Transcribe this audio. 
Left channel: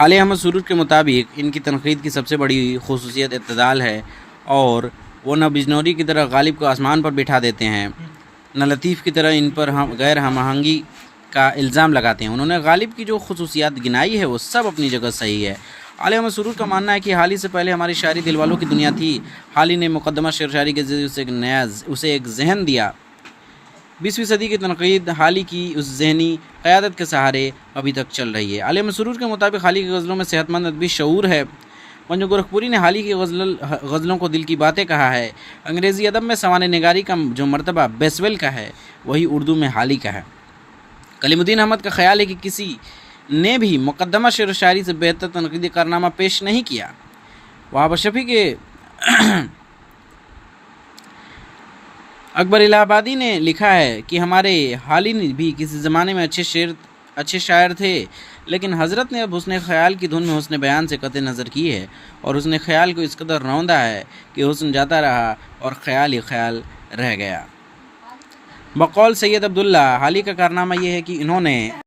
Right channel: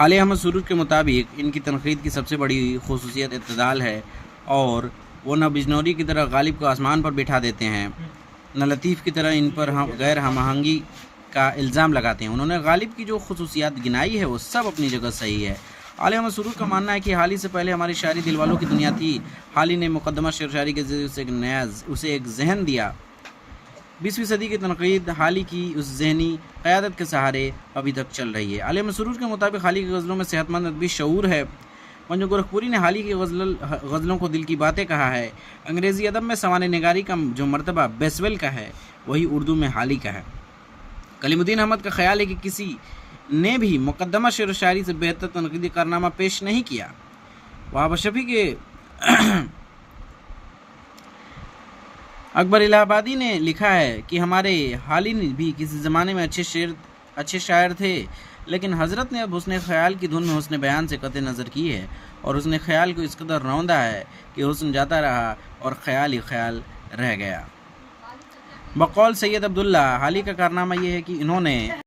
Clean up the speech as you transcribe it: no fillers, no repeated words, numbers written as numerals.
عالیہ احمد سرور کے مطابق ان کی تنقید کی سب سے بڑی خصوصیت اعتدال ہے، اور وہ نہ بجنوری کی طرح غالب کو آسمان پر بٹھا دیتے ہیں، نہ لطیف کی طرح ان پر غیر ہم آہنگی کا الزام لگاتے ہیں۔ انہوں نے غالب کی جو خصوصیات گنائی ہے وہ سب اپنی جگہ صحیح ہے۔ عالیہ احمد سرور کا ماننا ہے کہ حالی سے پہلے ہماری شاعری دل والوں کی دنیا تھی۔ حالی نے مقدمہ شعر شاعری کے ذریعے اسے ایک ذہن دیا۔ 20ویں صدی کی تنقید حالی کی اس ذہنی قیادت کے سہارے ابھی تک چل رہی ہے۔ عالیہ احمد سرور کے مطابق حالی کی غزلوں میں صحت مند ادبی شعور ہے۔ منجو گورکھپوری نے حالی کی غزلوں کو دل کی باتیں کہا ہے۔ انگریزی ادب میں سوانح نگاری کا جو مرتبہ بیسویل کا ہے وہی اردو میں حالی کا ہے۔ کلیم الدین احمد کا خیال ہے کہ کسی نے بھی مقدمہ شعر و شاعری سے بہتر تنقیدی کارنامہ پیش نہیں کیا۔ وہاب اشرفی کے اکبر الہ آبادی نے لکھا ہے کہ ہمارے حالی بھی کسی زمانے میں اچھے شاعر تھے، لیکن حضرت نے اب حسن خیال کی دھن میں حسن بیان سے قطع نظر کی ہے، اور حسن خیال کو اس قدر روندا ہے کہ حسن جاتا رہا اور خیال ہی خیال رہ گیا۔ بقول سید عبداللہ، حالی کا کارنامہ یہ ہے کہ انہوں نے